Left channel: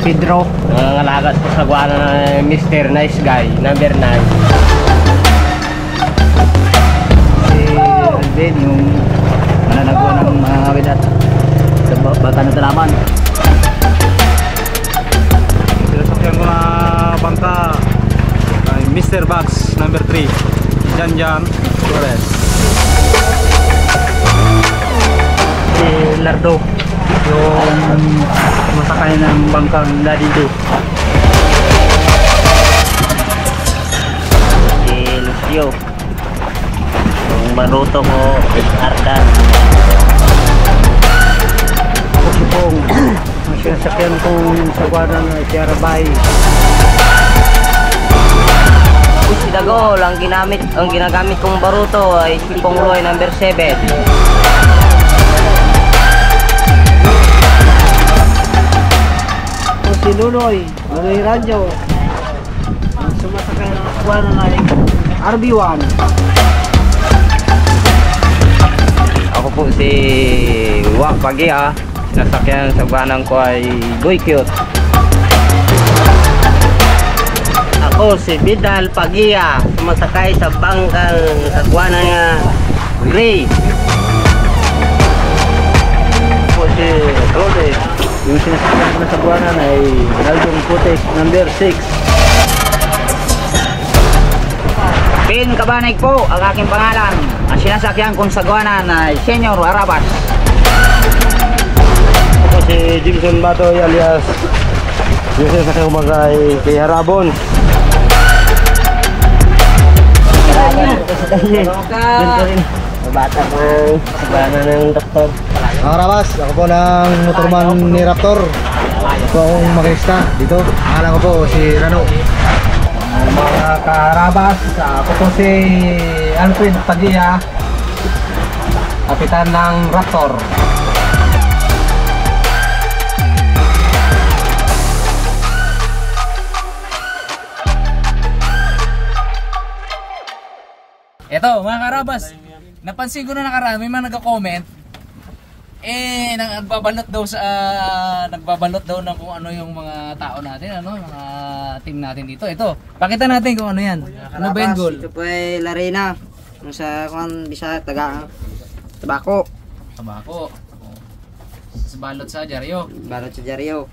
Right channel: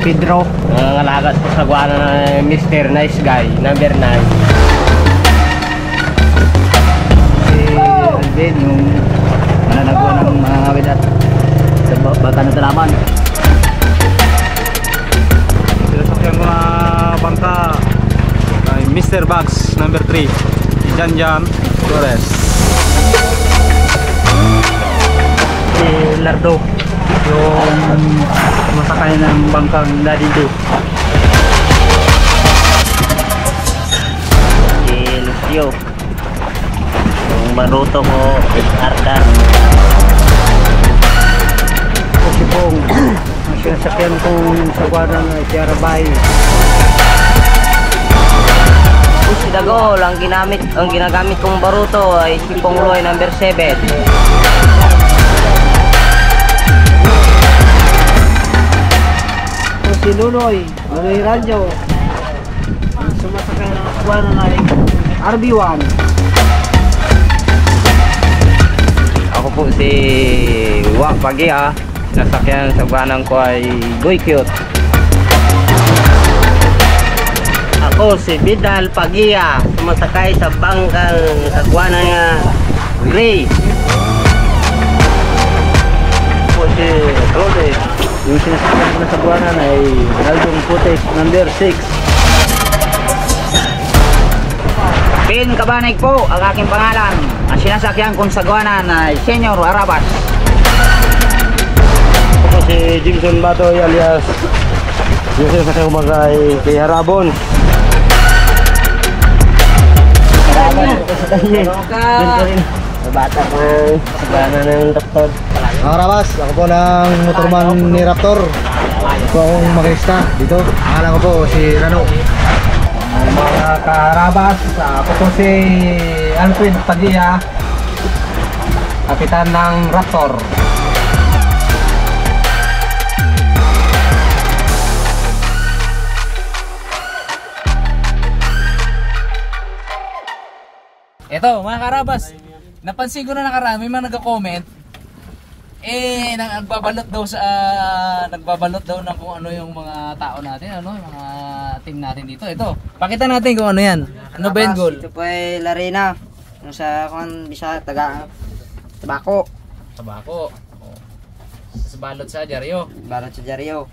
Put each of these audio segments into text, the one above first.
Pedro, nangangalagat po sa guwana ng Mr. Nice Guy, number 9. Si Alvin, yung mananago ng mga wedat sa bata ng Talaman. Sinasakyan ko na bangka kay Mr. Bugs, number 3, Jan Torres. Si Lardo, yung masakay ng bangkang Daddy Do. Si Lucio, yung maruto ko, Ardar. O si Pong, ang sinasakyan kong sa guwana na si Arabay. Si Dagol, ang ginagamit kong baruto ay si Pongloy, number 7. Si Luloy Radyo, ang sumasakay ng guwana na RB1. Ako po si Wak Pagia, sinasakyan sa guwanang ko ay Boy Cute. Ako si Vidal Pagia, sumasakay sa bangkang sa guwana nga Gray. Ako si Rode, yung sinasakyan ko na sa guwana na ay Naldong Putek, number 6. Pin Cabanig po ang aking pangalan. Ang sinasakyan kong sagwanan ay Senyor Arabas. Ako si Jimson Batoy alias yung sinasakyan ko kay Harabon. Bata po sa guwana ng doktor. Mga Rabas, ako po ng motorman ni Raptor. Ako po akong makinista dito. Akala ko po si Rano. Mga karabas, ako po si Alfred Pagia, kapitan ng Raptor. Eto mga karabas, napansin ko na nakarami mga nagko-comment nagbabalot daw ng kung ano yung mga tao natin, ano, yung mga team natin dito. Ito, pakita natin kung ano yan. Ano ba yung goal? Ito po ay Larena. Ano sa kung bisa tabako. Tabako. Oh. Sa balot sa Jaryo. Barot sa Jaryo.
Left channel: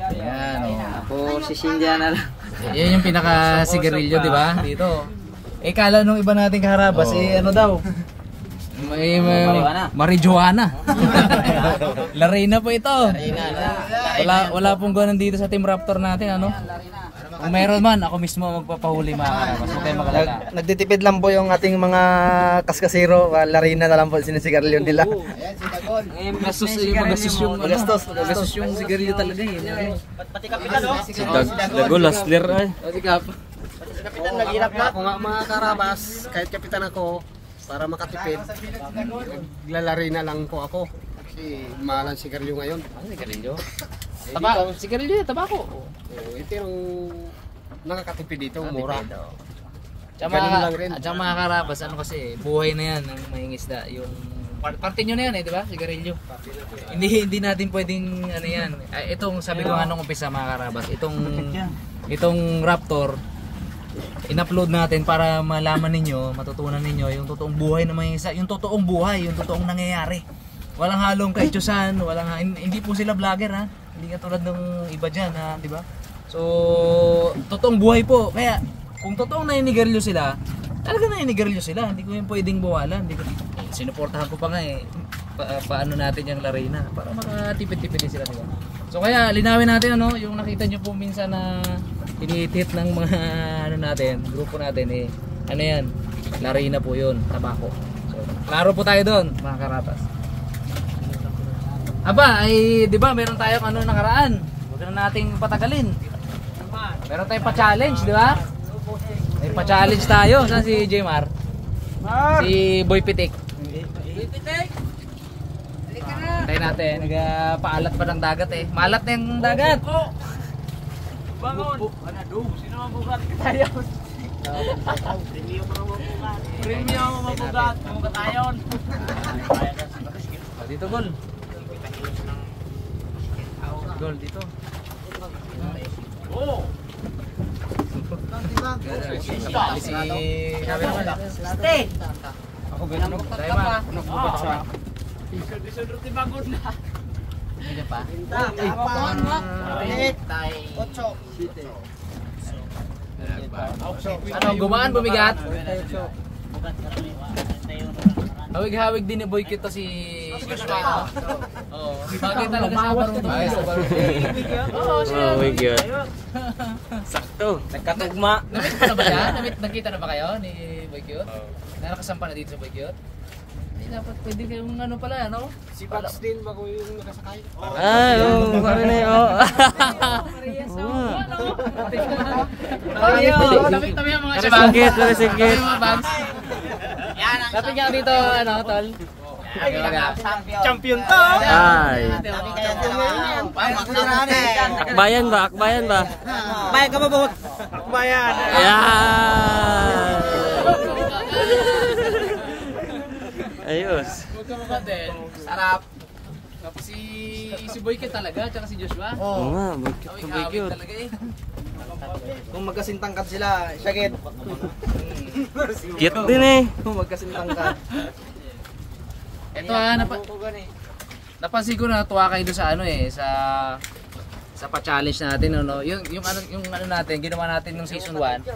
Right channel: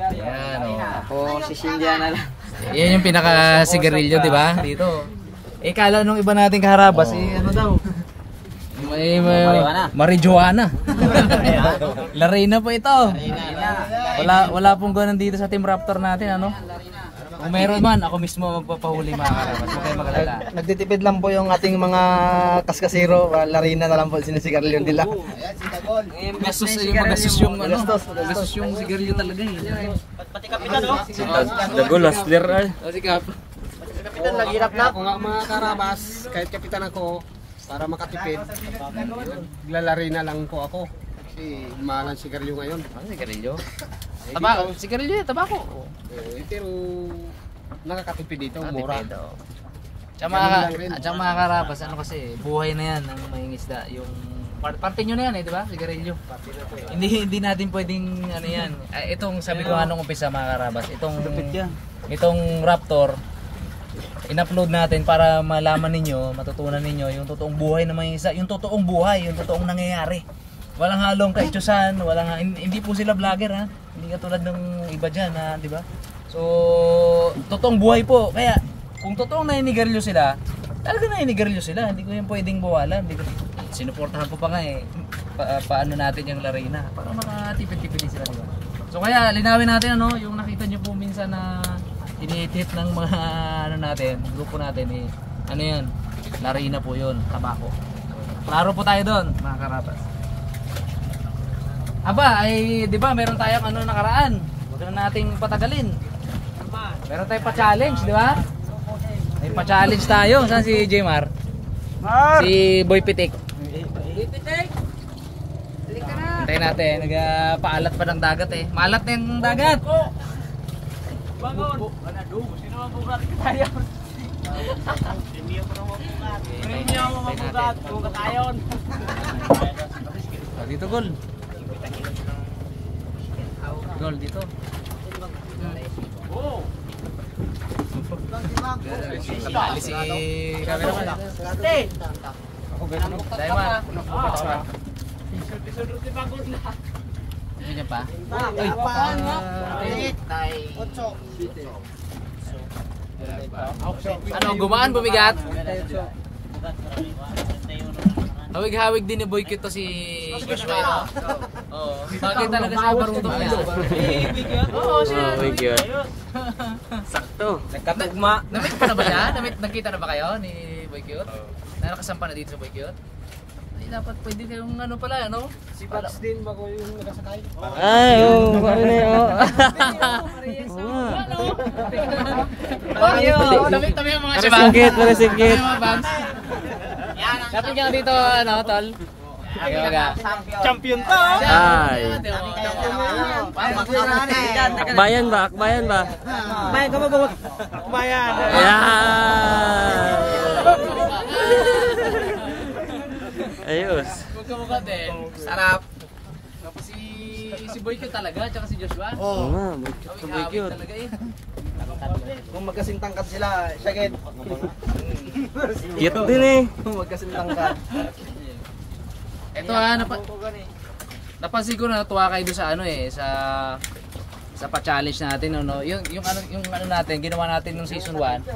Yan. Ako si Cynthia na lang. Yan yung pinaka sigarilyo, di ba? Dito. Kala nung iba nating kaharabas, ano daw? May marijuana. Larena po ito. Wala pong ganun dito sa Team Raptor natin, ano? Kung meron man, ako mismo magpapahuli mga karabas. Huwag kayong magalala. Nagtitipid lang po yung ating mga kaskasiro. Larina na lang po sinisigarilyo nila. Gastos yung sigarilyo talaga eh. Si Dagol, Lasler ay. Kapitan, naghirap na ako nga mga karabas. Kahit kapitan ako, para makatipid, naglalari na lang po ako. Kasi mahal ang sigarilyo ngayon. Sigarilyo? Sigarilyo, tabako. Pero nakakatipid dito, mura. At mga karabas, ano kasi, buhay na yan ng mahingisda. Yung parte nyo na yan di ba? Sigarilyo. Hindi natin pwedeng ano yan. Itong sabi ko nga nung umpisa mga karabas, itong Raptor, in-upload natin para malaman ninyo, matutunan ninyo yung totoong buhay ng mga isa, yung totoong buhay, yung totoong nangyayari. Walang halong kaitsusan, hindi po sila vlogger ha. Hindi katulad ng iba diyan ha, di ba? So, totoong buhay po. Kaya kung totoong naninigarilyo sila, talaga naninigarilyo sila. Hindi ko yung pwedeng bawalan. Sinuportahan ko pa nga paano natin yung Larena para makatipid-tipid din sila, di ba? So kaya linawin natin ano, yung nakita niyo po minsan na hinihit ng mga natin, grupo natin ano yan, Larena po yun, tabako. So, klaro po tayo doon, mga karabas. Aba, di ba meron tayong nakaraan. Huwag na nating patagalin. Meron tayong pa-challenge, di ba? May pa-challenge tayo. Saan si Jmar? Si Boy Pitik. Hintayin natin, nagpaalat pa ng dagat eh. Maalat na yung dagat. Bangon! Sino mabugat tayo? Premium mabugat, mabugat ayon. Dito gol. Gol dito. Nakali si cameraman. Ini pa. Ano, gumaan, bumigat? Hawig-hawig din ni Boy Cute to si Oo. Bagay talaga sa barutong niya. Oh my God. Sakto. Nagkatugma. Nakita na ba siya? Nakita na ba kayo ni Boy Cute? Nakakasampa na dito sa Boy Cute? Ay, dapat pwede kayong ano pala yan, ano? Si Paps din ba ko yung nakasakay? Oo, paano na yun? Tabi ang mga Parasingkit, parasingkit. Dapat nga dito, ano, tol? Champion to! Ay. Bayan ba? Bayan ba? Bayan ka ba ba? Bayan! Ayan! Ayos. Magkamukha din. Sarap. Tapos si Boy Cute talaga, tsaka si Joshua. Oo nga, cute na cute. Talaga eh. Kung magkasintangkad sila, syakit. Cute din eh. Kung magkasintangkad. Ito napansin ko na natuwa kayo doon sa ano eh, sa pa-challenge natin, no? Yung ano natin, ginawa natin nung season 1,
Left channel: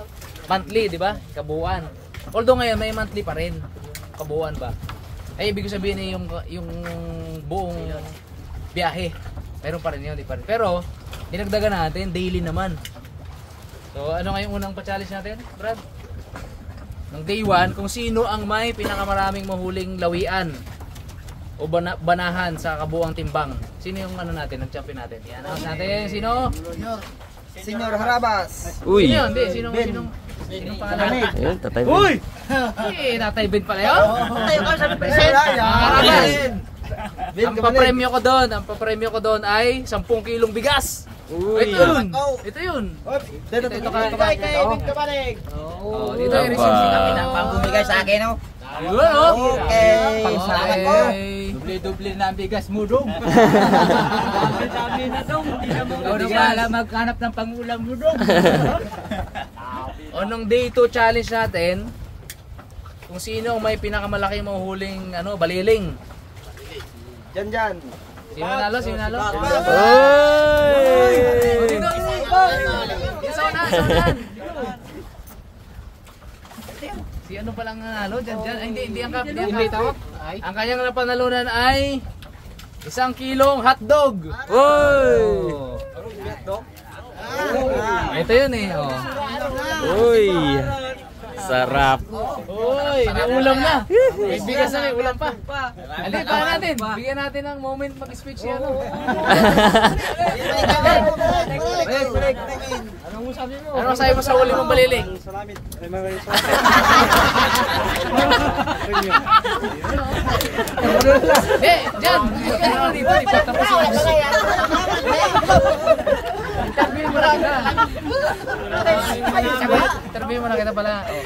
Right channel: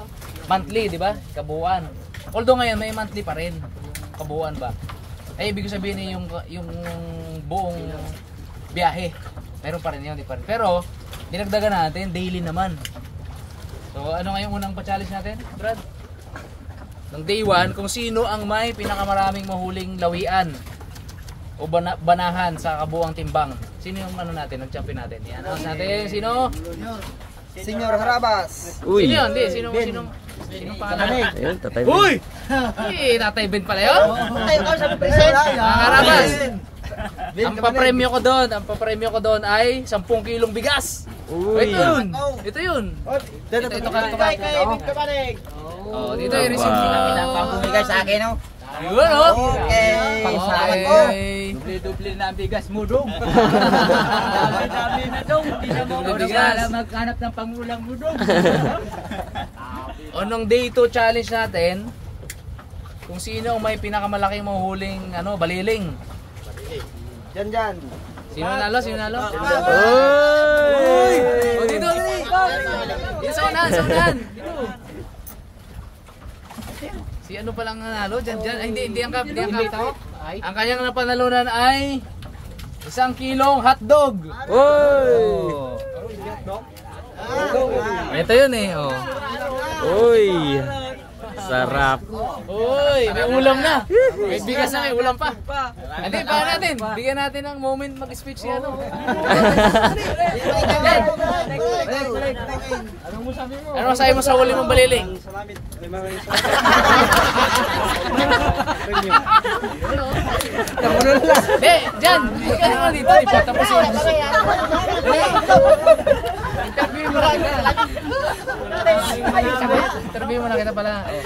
monthly, di ba? Kabuuan. Although ngayon may monthly pa rin. Kabuuan ba? Ay ibig sabihin eh, yung buong biyahe. Meron pa rin yun, di pa rin. Pero dinagdagan natin daily naman. So ano nga yung unang pa-challenge natin, Brad? Nung day 1, kung sino ang may pinakamaraming mahuling lawian o banahan sa kabuuang timbang. Sino yung ano natin, nag-champion natin? Yan, natin, sino? Senyor Harabas! Uy! Sino yun? Hindi, sinong pangalan? Ayun, tatay mo. Uy! Eh, Tatay Ben pala yun? Tayo ka sa present! Harabas! Ang papremyo ko doon ay 10 kilong bigas. Uy! Ito yun. Ito yun. Ito Kay Ebit Kabanig! Oh, dito yung receipt Aba. ng Pambumigay sa akin, no? Ayun, oh. Okay! Pang-salamat po. Doble na ang bigas mo, dong. Dami na, dong. Hindi ka alam maghanap ng pangulang mo, dong. O nung day 2 challenge natin, kung sino may pinakamalaking mahuhuling baliling. Dyan! Sino nalo? Sino nalo? Uy! Dito, dito sa unahan. Si ano palang nanalo? Dyan. Ay, hindi ang kap. Ang kanyang napanalunan ay 1 kilong hotdog. Uy! Ito yun eh. Oh. Uy! Sarap. Uy, may ulam na. May bigas na, may ulam pa. Hindi, para natin. Bigyan natin ng moment mag-speech si ano. Ano masabi mo sa huli mong baliling? Diyan. Bigyan mo dito. Ipatapos yung interview mo na kita. Interview mo na kita pala. Oh.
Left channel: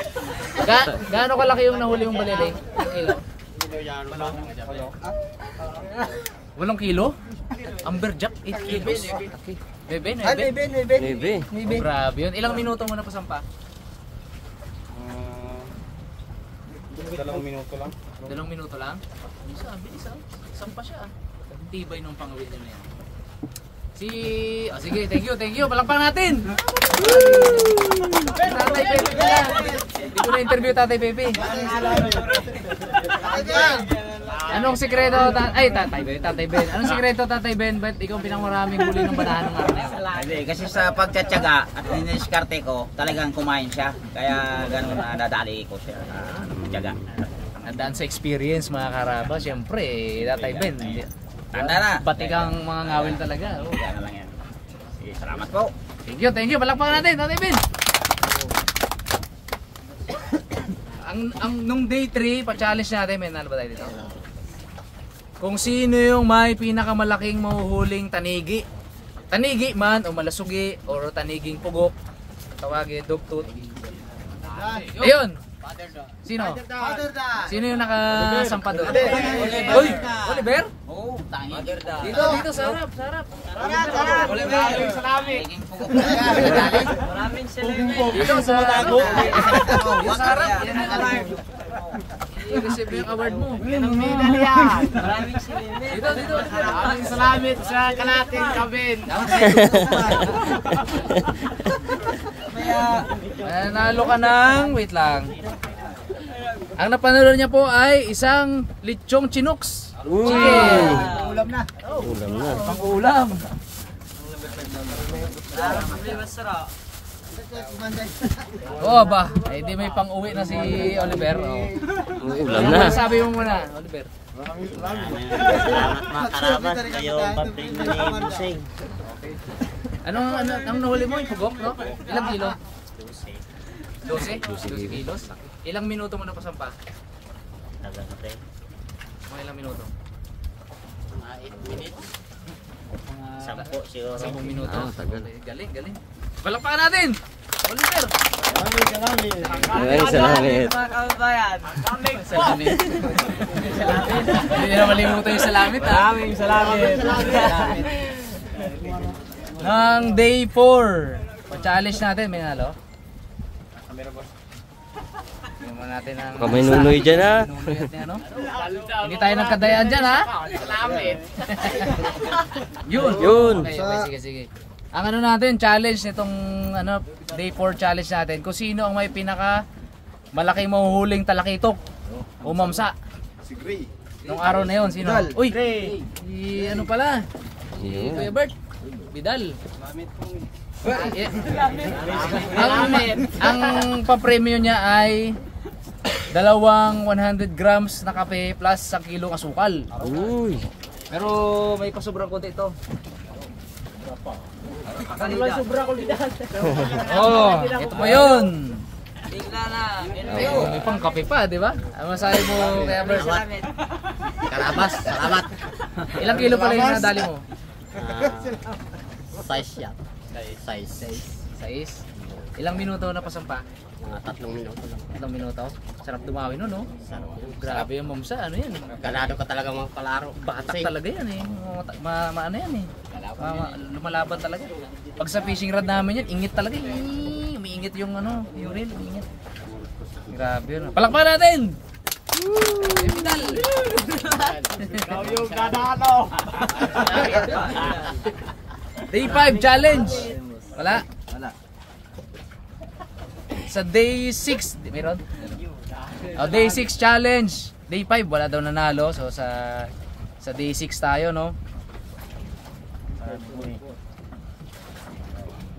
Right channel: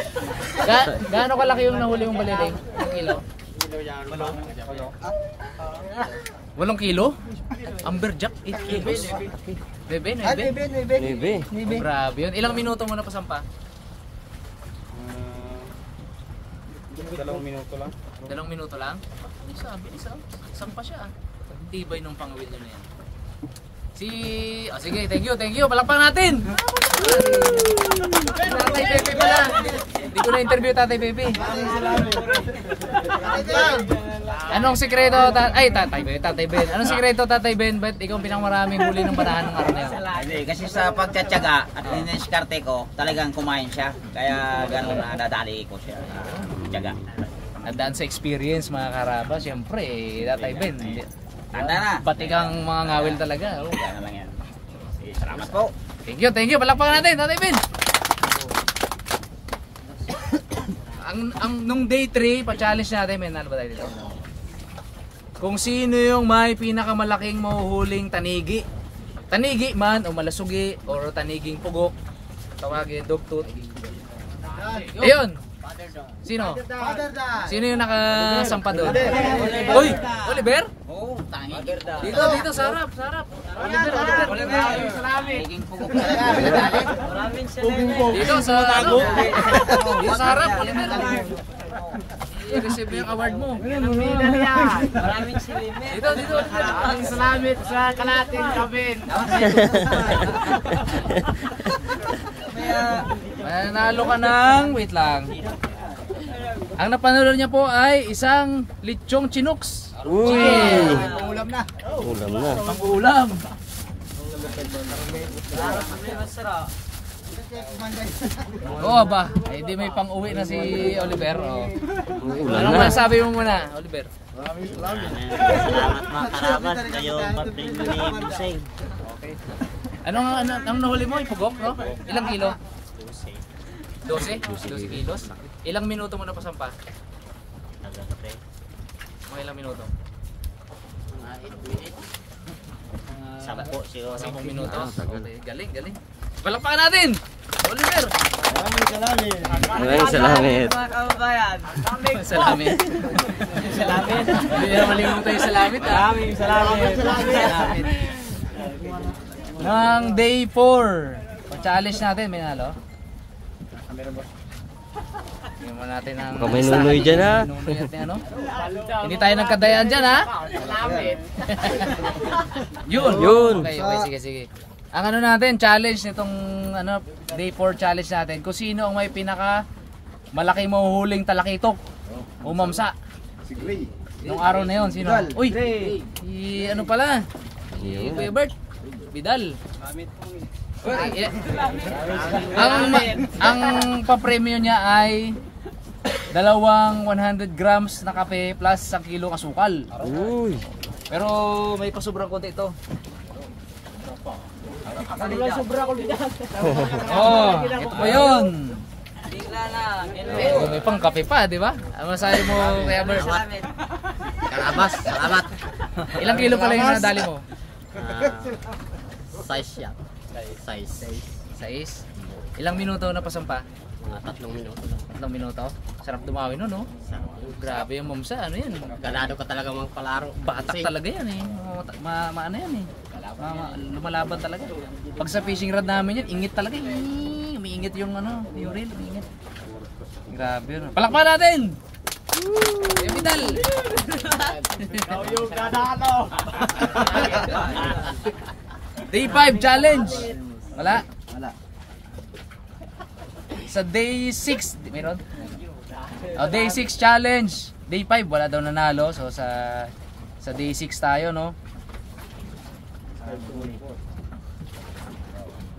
Gaano kalaki yung nahuli mong baliling? 8 kilo? Amberjack, 8 kilos? Bebe, 9? Bebe. Oh, grabe yun. Ilang minuto mo na pasampa? 2 minuto lang. 2 minuto lang? Sabi, sampa siya. Tibay ng pangawil na yan. Sige, thank you. Palakpakan natin. Tatay Pepe pala. Hindi ko na-interview Tatay Pepe. Anong sikreto, Tatay Ben? Anong sikreto, Tatay Ben? Ba't ikaw pinakamaraming huli ng banahan ng araw na yun? Hindi, kasi sa pagtsatsaga at diniskarte ko, talagang kumain siya. Kaya ganun nadali ko siya sa tsaga. Nandaan sa experience mga karaba, siyempre, Tatay Ben. Tanda na. Batikang mga ngawil talaga. Oh. Kaya na lang yan. Salamat po. Thank you. Palakpakan natin, Tatay Ben. Nung day 3, pa-challenge natin, may nalo ba tayo dito? Kung sino yung may pinakamalaking mahuhuling tanigi. Tanigi man, o malasugi, o taniging pugok. Tawagin, dugtut. Ayun! Sino? Sino yung nakasampa doon? Uy! Oliver? Oo, tangi. Dito, sarap. Naging pugok na yan. Maraming salamat. Dito sa tago. Dito sa harap. I-receive yung award mo. Maraming salamat. Dito. Maraming salamat sa kalating Kevin. Nanalo ka ng, wait lang. Ang napanalo niya po ay isang lechong chinooks. Ulam na. Pang-ulam. Oo ba? Ay di may pang-uwi na si Oliver. Ulam na. Sabi mo muna, Oliver. Salamat mga karabas. Kayo paprino ni Buseng. Anong nahuli mo? Ipugok, no? Ilang kilo? 12 kilos. Ilang minuto mo na pasampa? Tagal pre. Mga ilang minuto? 8 minutes. 10 siguro. 10 minuto. Tagal. Okay, galing. Palakpakan natin! Oliver! Maraming salamat. Mga kababayan! Salamin. Hindi na malimutan yung salamit. Maraming salamat. Ang day 4. Pa-challenge natin, may nalo. Tingnan mo natin ang... Baka may nunoy dyan ha. Hindi tayo nagkadayaan dyan ha. Yun. Okay, sige. Ang ano natin, challenge nitong day 4 challenge natin. Kung sino ang may pinaka malaking mahuhuling talakitok o mamsa. Si Gray. Nung araw na yun, sino? Uy! Ano pala? Si Kuya Bert. Vidal. Ang papremyo niya ay 100 grams na kape plus 1 kilong asukal. Uy. Pero may pasobrang konti ito. Oh, ito pa yun. May pang kape pa, di ba? Ang masahe mo, Kuya Bert? Karabas, salamat. Ilang kilo pala yung nadali mo? Size yan. Size. 6. Ilang minuto na pasampa? Mga 3 minuto lang. 3 minuto? Sarap dumawi nun, no? Sarap. Grabe yung mamsa, ano yan? Ganado ka talaga mga palaro. Batak talaga yan eh. Ano yan eh. Lumalaban talaga. Pag sa fishing rod namin yan, ingit talaga. Umiingit yung yung reel, umiingit. Grabe yun. Palakpakan natin! Yung Vidal! Yung ganado. Day 5 challenge! Wala? Sa day 6, meron? Day 6 challenge. Day 5 wala daw nanalo. So sa day 6 tayo, no?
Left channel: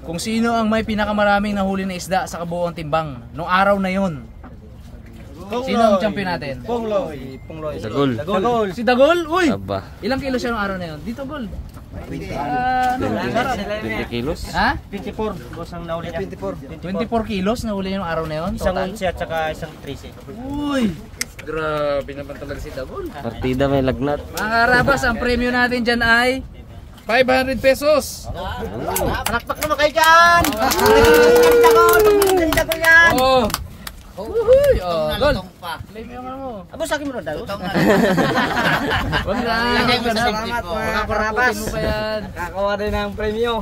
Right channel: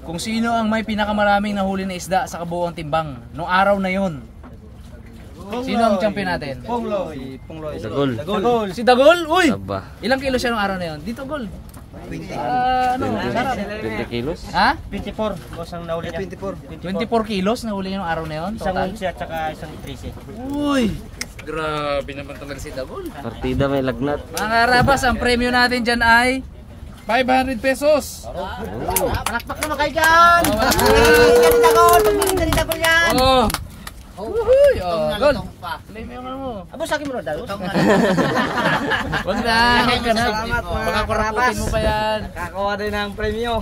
Kung sino ang may pinakamaraming nahuli na isda sa kabuuang timbang nung araw na yon. Sino ang champion natin? Pongloy. Dagol. Si Dagol? Uy! Aba. Ilang kilo siya nung araw na yon? Dito, Gol. 20 kilos? Ha? 24. Boss ang nahuli niya. 24. 24 kilos na huli niya nung araw na yon, total? Isang at saka isang 13. Uy! Grabe naman talaga si Dagol. Partida may lagnat. Mga karabas, ang premyo natin dyan ay 500 pesos. Palakpak naman kayo dyan! Oh! Uy! Oh, Gol! Play mo yung ano mo. Abo sa akin mo na dahil. Wag na! Salamat mga karabas. Kakawa din ng premyo.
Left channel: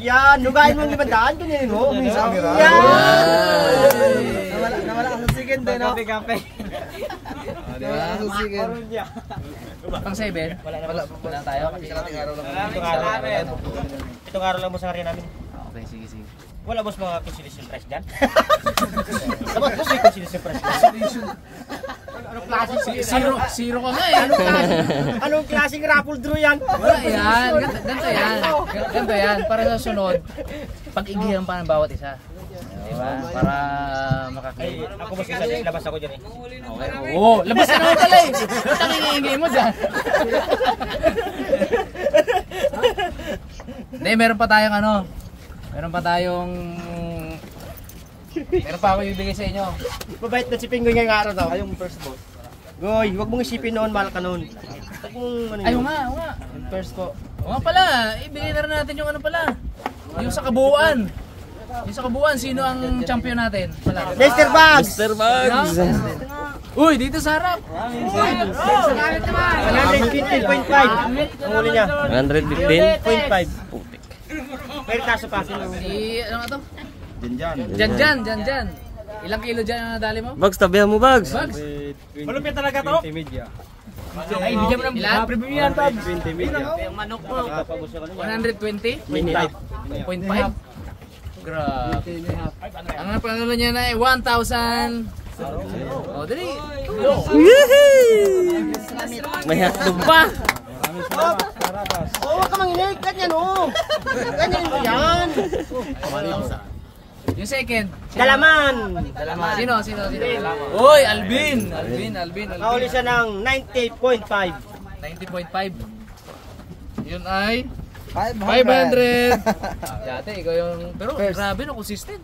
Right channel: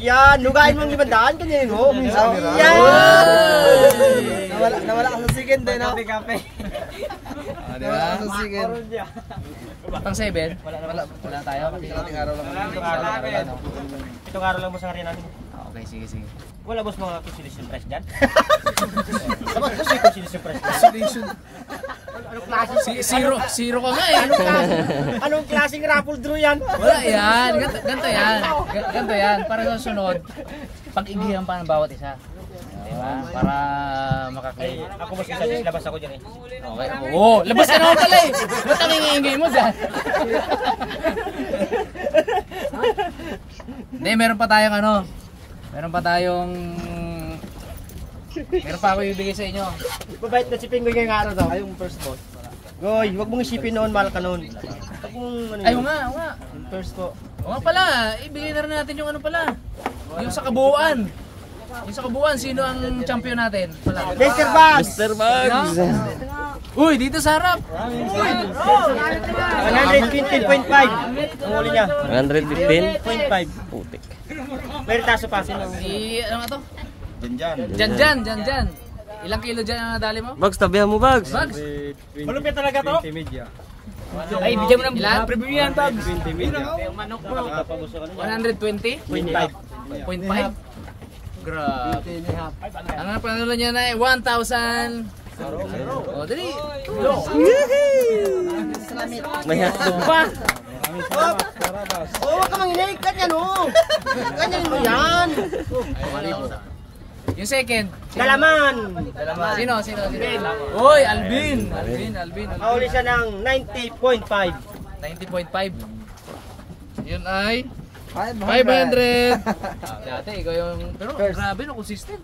Yan, nugain mo yung ibandaan ganyan mo. Nawala ka sa sigin din, no? Kape. Nawala ka sa sigin. Pang 7? Wala tayo kasi Itong araw lang mo sa karya namin. okay, sige. Wala boss mga consolation prize dyan? Dapat boss may consolation prize dyan. Anong klase? Zero ka nga eh. Anong klaseng raffle draw yan? Wala yan. Ganto yan. Para sa sunod, pag-igihan pa ng bawat isa. Diba? Para makakain. Ako boss isa, labas ako dyan eh. Okay. Oo, labas ka naman pala eh. Ba't ang ingay mo dyan? Hindi, meron pa tayong meron pa ako ibigay sa inyo. Mabait na si Pingoy ngayong araw daw. Ayong first boss. Goy, wag mong isipin noon, mahal ka noon. Wag mong Ay, oo nga. Yung first ko. Oo nga pala, ibigay na rin natin yung yung sa kabuuan. Yung sa kabuuan, sino ang champion natin? Wala. Mr. Bugs! Mr. Bugs! Uy, dito sa harap. 115.5 ang huli niya. 115.5. Putik. Pero taso pa sila. Ano nga to? Dyan. Ilang kilo dyan ang nadali mo? Bags, tabihan mo, Bags. Bags? Malupit talaga to? 20 media. Ay, bigyan mo ng ilan? 20 media. 120? 0.5? Grabe. Ang napanalo niya na 1,000. Oh, dali. May hatog pa. Oo, ka manginig. Ganyan o. Ganyan mo yan. Yung second. Dalaman. Sino? Uy, Alvin. Nahuli siya ng 90.5. 90.5. Yun ay 500. Dati ikaw yung pero grabe no, consistent.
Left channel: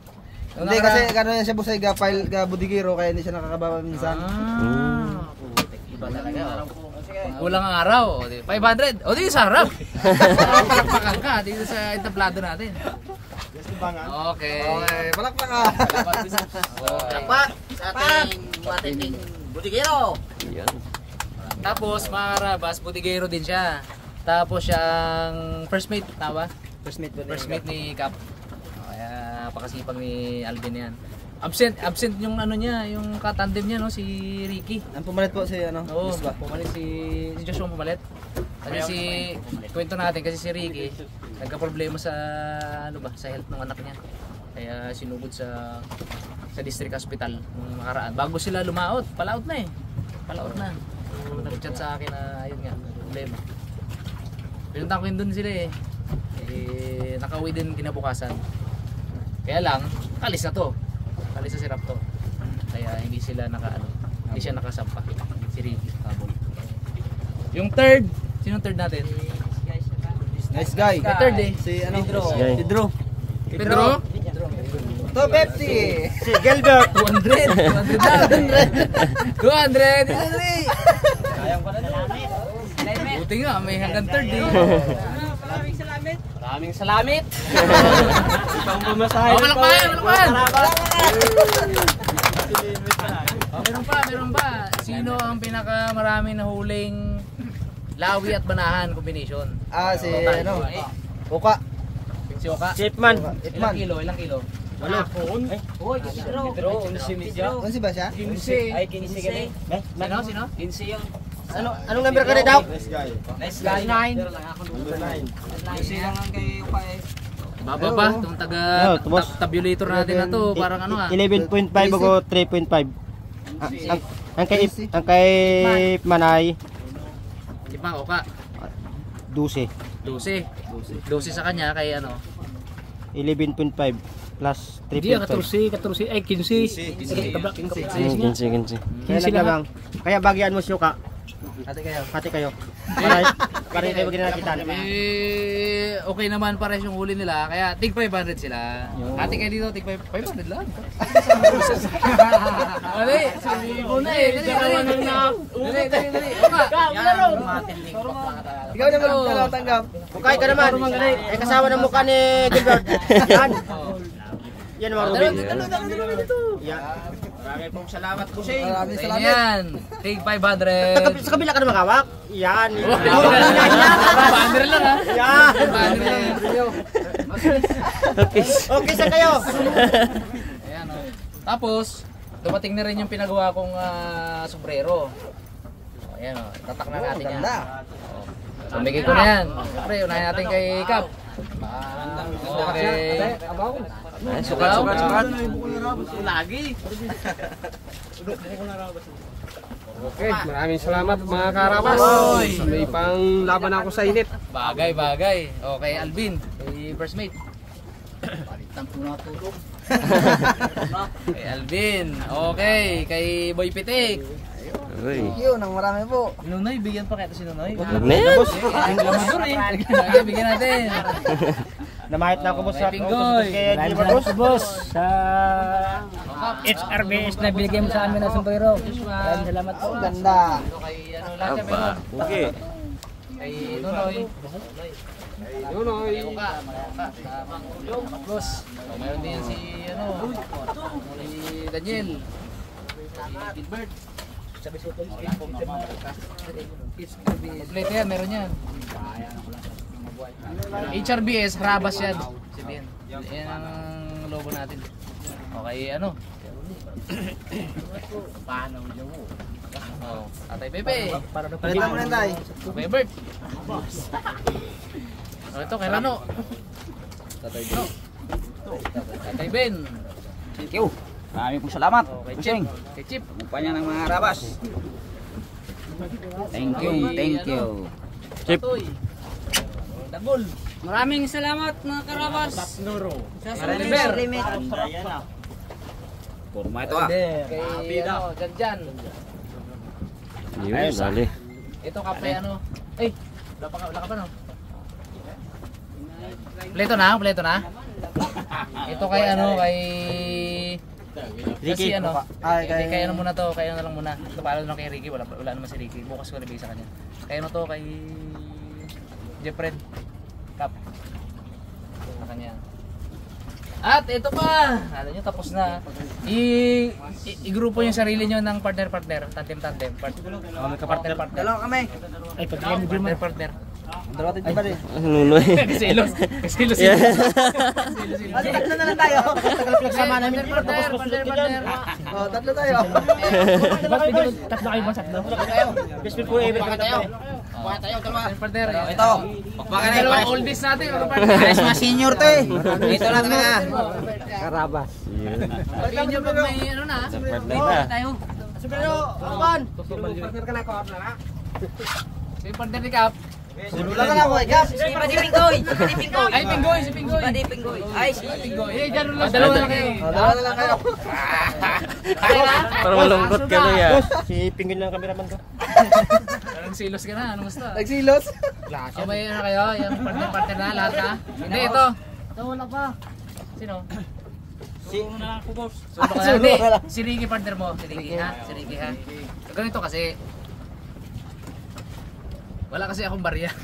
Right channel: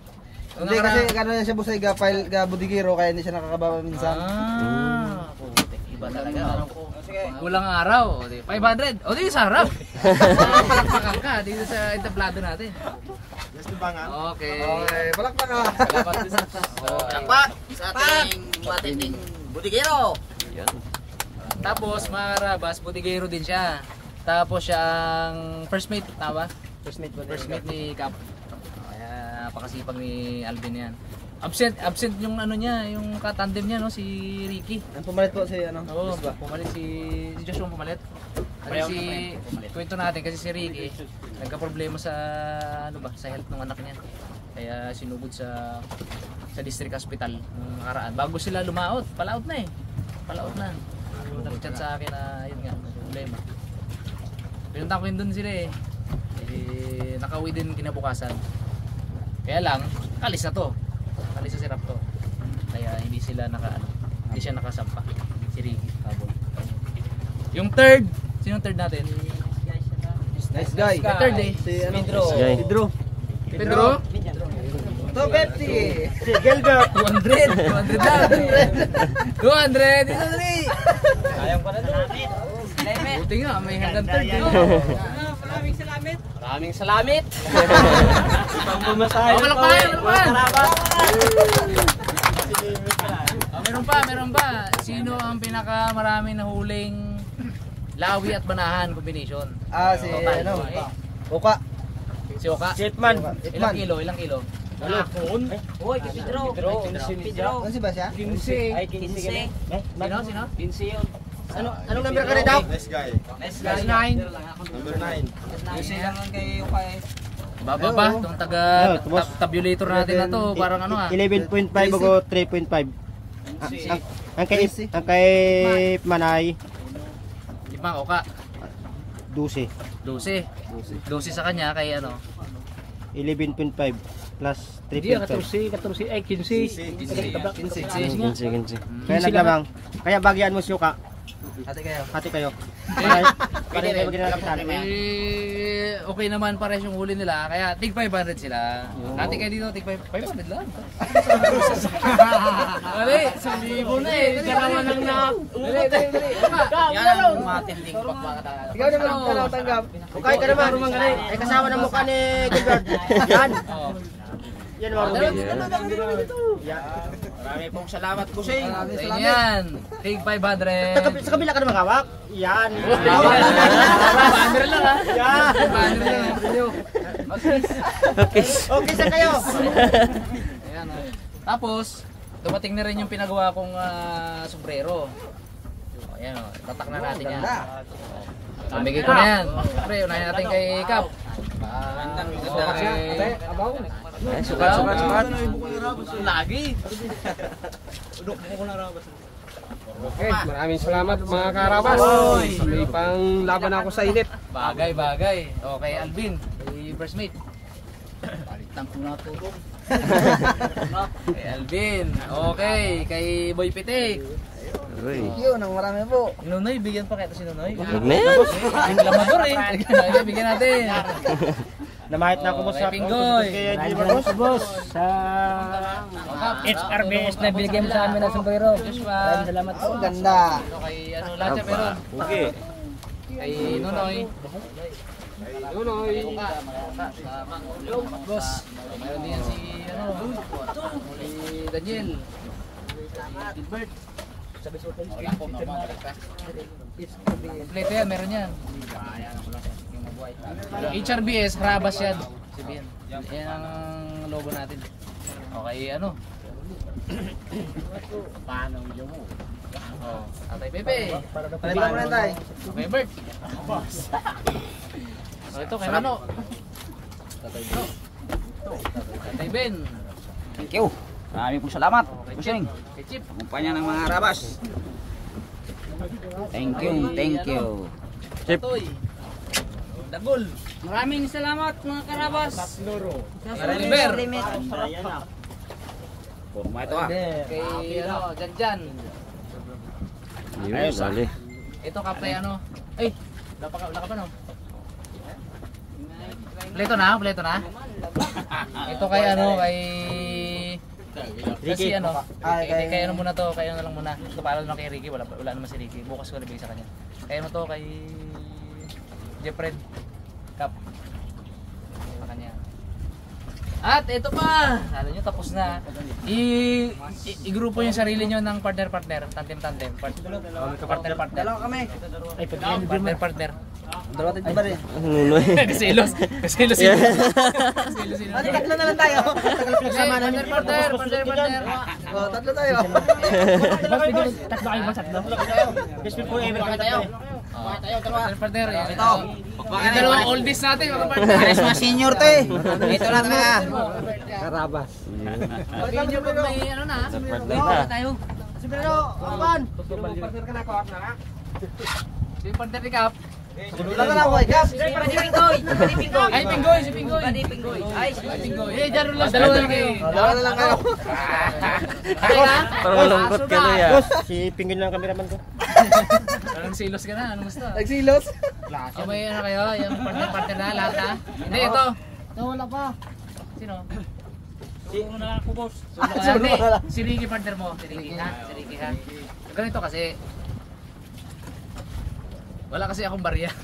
Hindi kasi gano'n siya busay ga budigiro kaya hindi siya nakakababa minsan. Putik, iba talaga. Kulang araw. 500. O dito sa harap. Palakpakan ka dito sa entablado natin. Okay. Palakpak ka. Palakpak sa ating matinding budigero. Yan. Tapos mga karabas, budigero din siya. Tapos siyang first mate, tawa? First mate ni Cap. Kaya napakasipag ni Alvin yan. Absent yung ano niya, yung katandem niya no, si Ricky. Ang pumalit po si ano? Oo, pumalit si Joshua pumalit. Kasi kwento natin kasi si Ricky nagka-problema sa ano ba, sa health ng anak niya. Kaya sinugod sa district hospital nung nakaraan. Bago sila lumaot, palaot na eh. Palaot na. So, nag-chat sa akin na yun nga, problema. Pinunta ko yun dun sila eh. Nakauwi din kinabukasan. Kaya lang, kalis na to. Kalis na si Raptor. Kaya hindi sila hindi siya nakasampa. Si Ricky. Yung third, sino third natin? Nice guy. Yung third eh. Si ano? Pedro. Pedro? To Pepsi. Si Gilbert. 200 daw. 200. Ito dali. Buti nga, may hanggang third eh. Maraming salamat. Ibang mamasahe Okay lang pa, meron pa. Sino ang pinakamarami na huling lawi at banahan combination? Si Total. ano? Uka. Si Oka. Chipman. Ilang kilo? Uy, Pedro. Ano si ba siya? 15. Ay, 15. Sino? 15 yun. Anong number ka na daw? Nice 9. Number 9. Baba pa, itong tabulator natin na to, parang ano ah. 11.5 o 3.5. Ang kay Manay, Di ba, Oka? 12. 12 sa kanya, kay ano? 11.5 plus 3.5. 14, ay 15. 15. Kaya naglamang. Kaya bagyan mo siyo ka. Ate kayo. Hati kayo. Kaya kayo ginagawa Okay naman pares yung huli nila, kaya tig 500 sila. Ate kayo dito, tig 500 lang. Ali, silibo na eh. Dalawa nang na-ugot eh. Ikaw naman ang talatanggap. Okay ka naman. May kasama ng mukha ni Gilbert. Yan. Yan mga Ruben. Maraming pong salamat po siya. Maraming Ayun salamat. yan, tig 500. Sa kabila ka na makawak. Yan. Banner lang ha. Yan. Banner lang. Okay. Okay sa kayo. Ayan, oh. Tapos, dumating na rin yung pinagawa kong sombrero. Oh, ayan, oh. Tatak na natin yan. So, bigay ko na yan. Siyempre, unahin natin kay Cap. Ay, sukat. Lagi. Okay, maraming salamat mga karabas. May pang laban ako sa init. Bagay. Okay, Alvin. Kay first mate. Palitan ko na tulong. Kay Alvin. Okay, kay Boy Pitik. Uy. Yun, ang marami po. Nunoy, bigyan pa kaya ito si Nunoy. Huwag na yan. Ang lamador eh. Okay, bigyan natin. Namahit na ako mo sa Pinggoy. kay Gilbert. Boss, sa HRBS na binigay mo sa amin na sombrero. Maraming salamat po. Ang ganda. Kay ano lahat siya meron. Okay. Kay Nunoy. Nunoy. Boss. Meron din yan si ano. Si Daniel. Si Gilbert. Kompleto yan, meron yan. HRBS, Harabas yan. Sabihin. Yan ang logo natin. Okay, ano? Paano yung mo? Tatay Pepe. Palitan mo rin tayo. Bebert. Ito, kay Lano. Tatay Ben. Thank you. Maraming pong salamat. Kusing. Kay Chip. Kumpanya ng mga Karabas. Thank you, thank you. Toy. Dagol. Maraming salamat mga Karabas. Maraming Forma ito ah. Kay ano, Janjan. Ayos ah. Ito kape ano. Ay, wala ka pa no? Pleto na. Ito kay ano, kay kasi ano, kay ano muna to, kay ano lang muna. Ito pala lang kay Ricky, wala naman si Ricky. Bukas ko nabigay sa kanya. Kay ano to, kay Jeffred Cup. Sa kanya. At ito pa, alam nyo tapos na. I-grupo yung sarili nyo ng partner, tandem. Partner. Hello kami. Ay, partner. Dalawa tayo ba rin? Kasilos. Tatlo na lang tayo. Tagal pinagsama namin. Partner. Oh, tatlo tayo. Tatlo kayo ba? Tatlo? Best friend ko eh, tayo. Partner. Ito. Dalawang oldies natin. Ayos mga senior to eh. Ito lang na. Karabas. Pagin nyo pag may ano na. Tayo. Pero, Alban. Si partner ni Cap. Wala ka na ako eh. Gap. Ay, Pinggoy. Si Pinggoy. Ay, si Pinggoy. Eh, dyan lang. Dalawa na lang kayo. Dalawa na lang kayo. Kaya na? Parang malungkot ka no ya. Si Pinggin lang cameraman ko. Nagsilos ka na. Ano gusto? Nagsilos. O may ano kayo? Yung partner na lahat na? Hindi, ito. Wala pa. Sino? Suno na ako, boss. Suno ka na. Hindi. Si Ricky partner mo. Si Ricky ha? Ganito kasi. Wala kasi akong barya.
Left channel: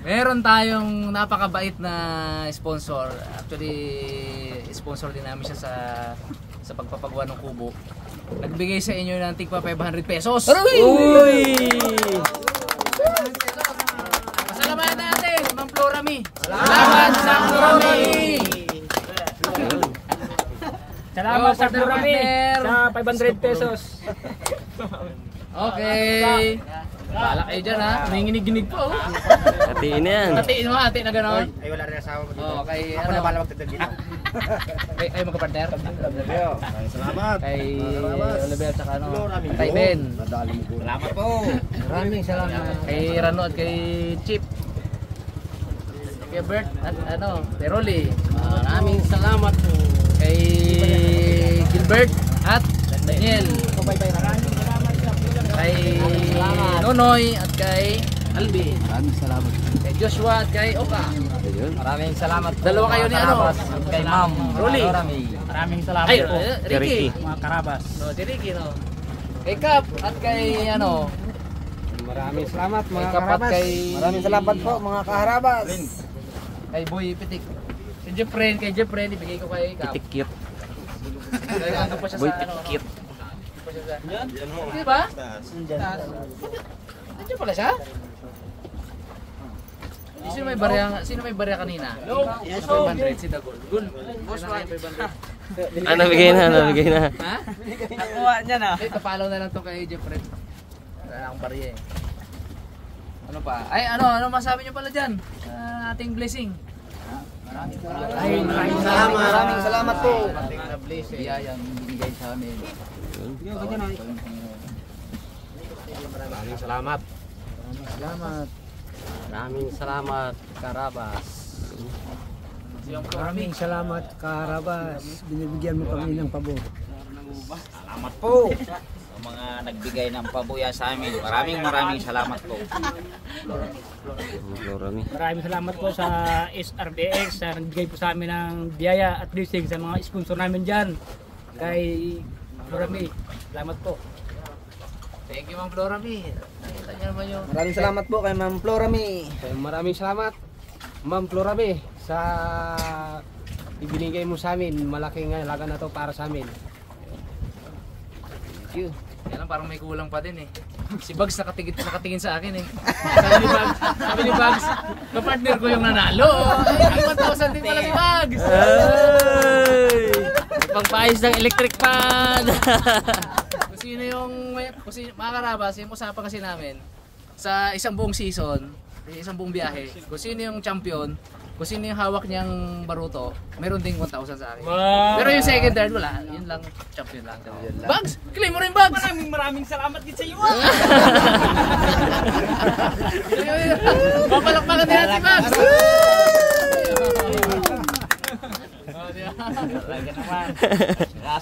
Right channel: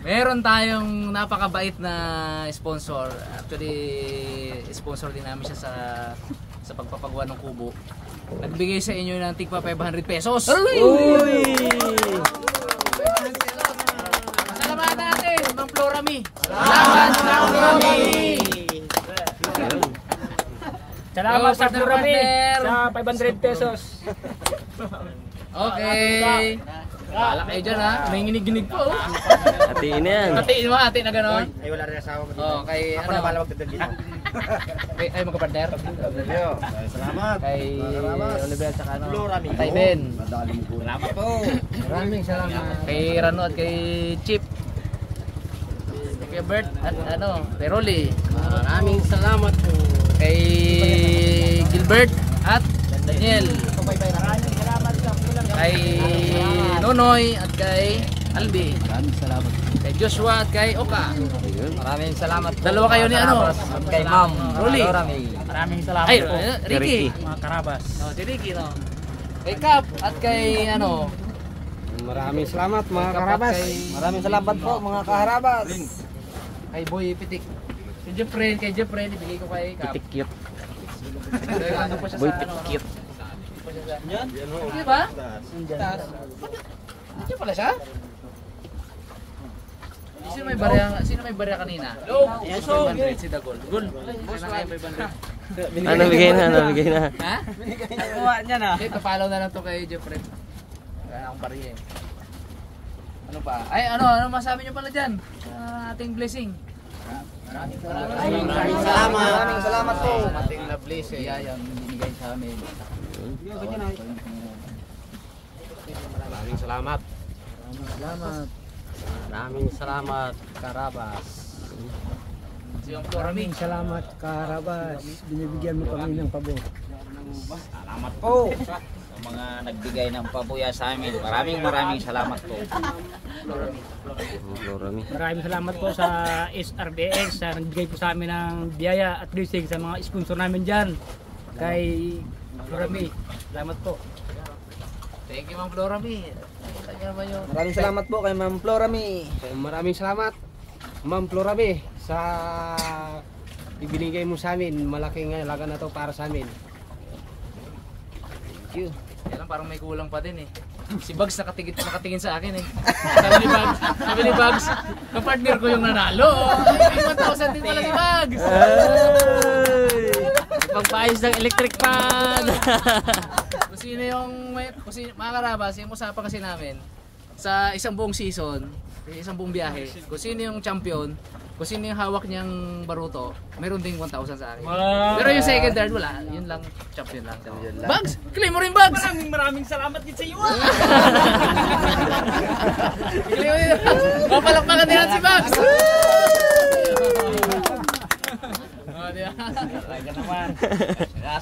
Meron tayong napakabait na sponsor. Actually, sponsor din namin siya sa pagpapagawa ng kubo. Nagbigay sa inyo ng tigpa 500 pesos. Uy! Pasalamatan natin, Ma'am Florami. Salamat, Ma'am Florami. Salamat sa partner. Sa 500 pesos. Okay. Bahala kayo dyan ha. Nanginginig-ginig po. Hatiin na yan. Hatiin mo, hati na gano'n. Ay, wala rin asawa ko dito. Okay, Ako na bala magdadal dito. Ay, magkapartner. Salamat. Kay Oliver at saka ano, Tay Ben. Salamat po. Maraming salamat. Kay Rano at kay Chip. Kay Bert at ano, kay Rolly. Maraming salamat po. Kay Gilbert at Daniel. Kay Nonoy at kay Albi. Maraming salamat. Kay Joshua at kay Oka. Maraming salamat po. Dalawa kayo ni ano? Kay Ma'am Rolly. Maraming salamat Ay, po. Ricky. Mga Karabas. No, si Ricky no. Kay Cap at kay ano? Maraming salamat mga Kay Cap at Karabas. kay Maraming salamat po mga Kaharabas. Kay Boy Pitik. Si Jeffrey, kay Jeffrey ibigay ko kay Cap. Cute. Ano pa siya Boy sa ano? cute. Di ba? Nandiyan pala siya? Sino may barya kanina? Yes, 500 si Dagol. Gul. Boss, 500. Nabigay na. Ha? Nakuha niya na. Okay, kapalaw na lang to kay Jeffrey. Wala akong barya eh. Ano pa? Ay, ano masabi niyo pala dyan? Ating blessing. Maraming salamat po. Ating blessing. Biyayang binigay sa amin. Maraming salamat. Maraming salamat, Karabas. Maraming salamat Karabas. Binibigyan mo kami ng pabor. Salamat po sa mga nagbigay ng pabuya sa amin. Maraming salamat po. Maraming salamat po sa SRBX sa nagbigay po sa amin ng biyaya at blessing sa mga sponsor namin dyan. Kay Florami, salamat po. Thank you, Ma'am Florami. Nakita niyo naman yung... Maraming salamat po kay Ma'am Florami. Maraming salamat Ma'am Florami sa ibinigay mo sa amin. Malaking halaga na to para sa amin. you. Yan lang, parang may kulang pa din eh. Si Bugs nakatingin sa akin eh. Sabi ni Bugs, kapartner ko yung nanalo. Ay, 1,000 din pala si Bugs. Pagpayos ng electric fan. Kung sino yung, mga karabas, yung usapan kasi namin, sa isang buong season, isang buong biyahe, kung sino yung champion, kung sino yung hawak niyang baruto, meron ding 1,000 sa akin. Pero yung second, third, wala. Yun lang, champion lang. Bugs! Claim mo rin, Bugs! Maraming salamat din sa iyo. Papalakpakan din natin si Bugs!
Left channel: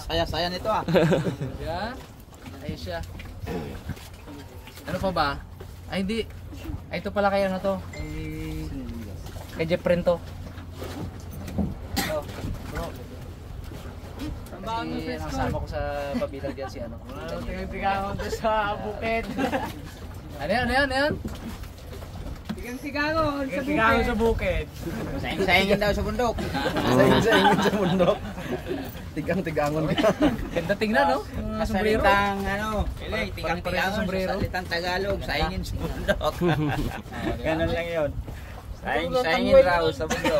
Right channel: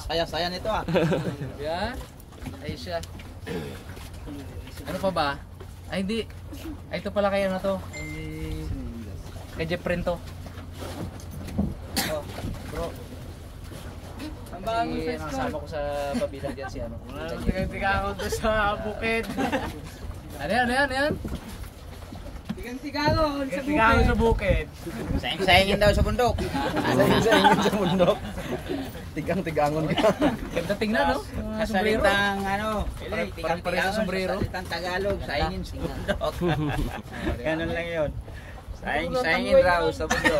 Saya-saya nito ah. Yan. Ayos siya. Ano pa ba? Ay hindi. Ay ito pala kaya na to. Kay Jeff Prento. Oh, bro. Kasi nakasama ko sa pabilang dyan si ano. Tiga ako doon sa bukid. Ano yan? Tiga ako sa bukid. Sayang-sayangin daw sa bundok. Sayang sa bundok. Tigang-tigangon ka. Ganda tingnan no? Sombrero. Salitang ano, Parang sombrero. salitang Tagalog, sayangin sa bundok. Ganun lang yun. Sayangin raw sa bundok.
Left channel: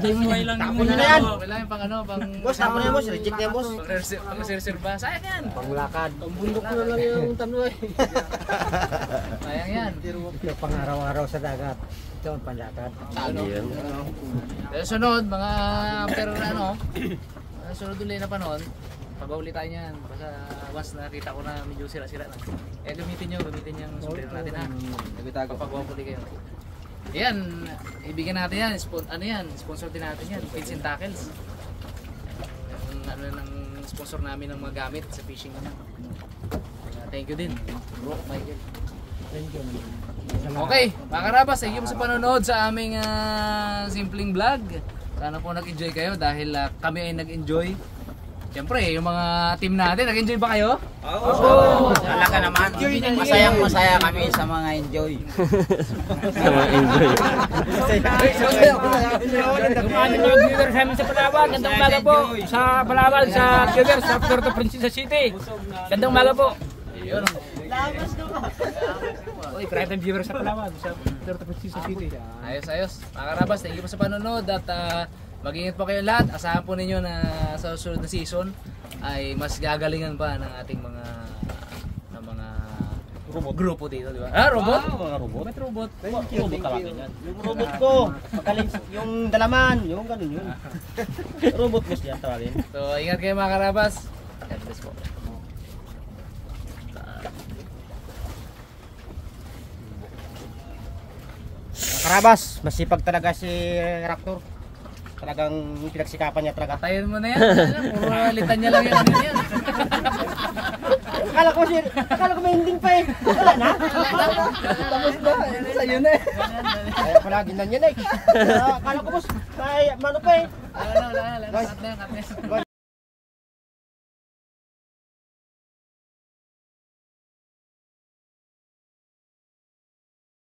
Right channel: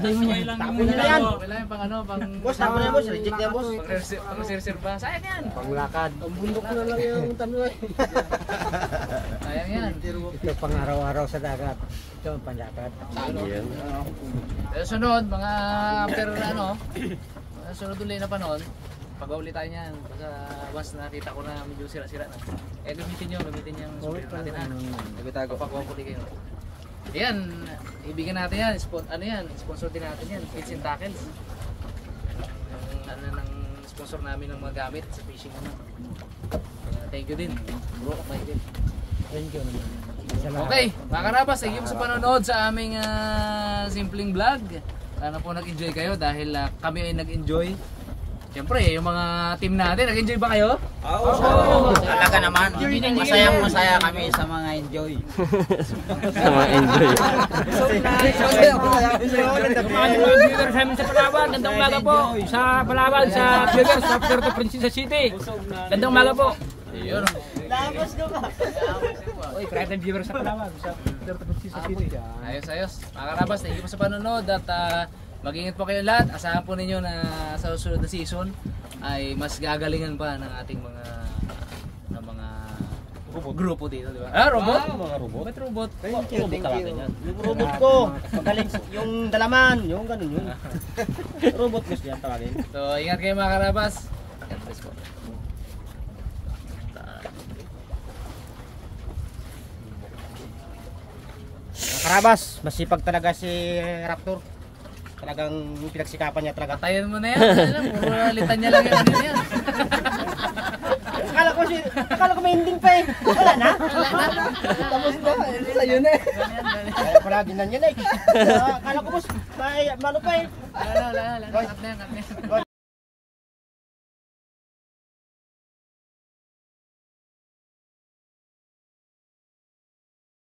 Tapon na yan. Kailangan pang ano, pang... Boss, tapon na boss. Reject na boss. Pang reserva. Sayang yan. Panglakad. Ang bundok ko na lang yung tanong eh. Sayang yan. Pang araw-araw sa dagat. Ito ang panlakad. Sunod, mga after ano, sunod ulit na panon, pag-uli tayo niyan. Basta once nakita ko na medyo sira-sira na. Gamitin yung sombrero natin ha. Nagitago. Pag-uli kayo. Yan, ibigyan natin yan. Sponsor din natin yan. Pins and Tackles. Ano ng sponsor namin ng mga gamit sa fishing naman. Kaya thank you din. Bro, Michael. Thank you. Okay, mga karabas, thank you sa panonood sa aming simpleng vlog. Sana po nag-enjoy kayo dahil kami ay nag-enjoy. Siyempre, yung mga team natin, nag-enjoy ba kayo? Oo. Talaga naman. Masayang-masaya kami sa mga enjoy. Sa mga enjoy. Mga viewers namin sa Palawan, gandang umaga po sa Palawan, sa viewers sa Puerto Princesa City. Gandang umaga po. Oy, private viewers sa Palawan, sa Puerto Princesa City. Ayos. Mga karabas, thank you po sa panonood at mag-ingat po kayo lahat. Asahan po ninyo na sa susunod na season ay mas gagalingan pa ng ating mga grupo dito, di ba? Robot? Mga robot. Ba't robot? Robot talaga yan. Yung robot ko. Magaling yung dalaman. Yung ganun yun. Robot gusto yan tawagin. So, ingat kayo mga karabas. God bless po. Karabas, masipag talaga si Raptor. Talagang pinagsikapan niya talaga. Tayo mo na yan. Puro litanya lang yan. Ano yan? Akala ko may ending pa eh. Wala na. Tapos na. Sa'yo na eh. Kaya pala ginanyan eh. Akala ko boss, may mano pa eh. Wala. Cut na yan.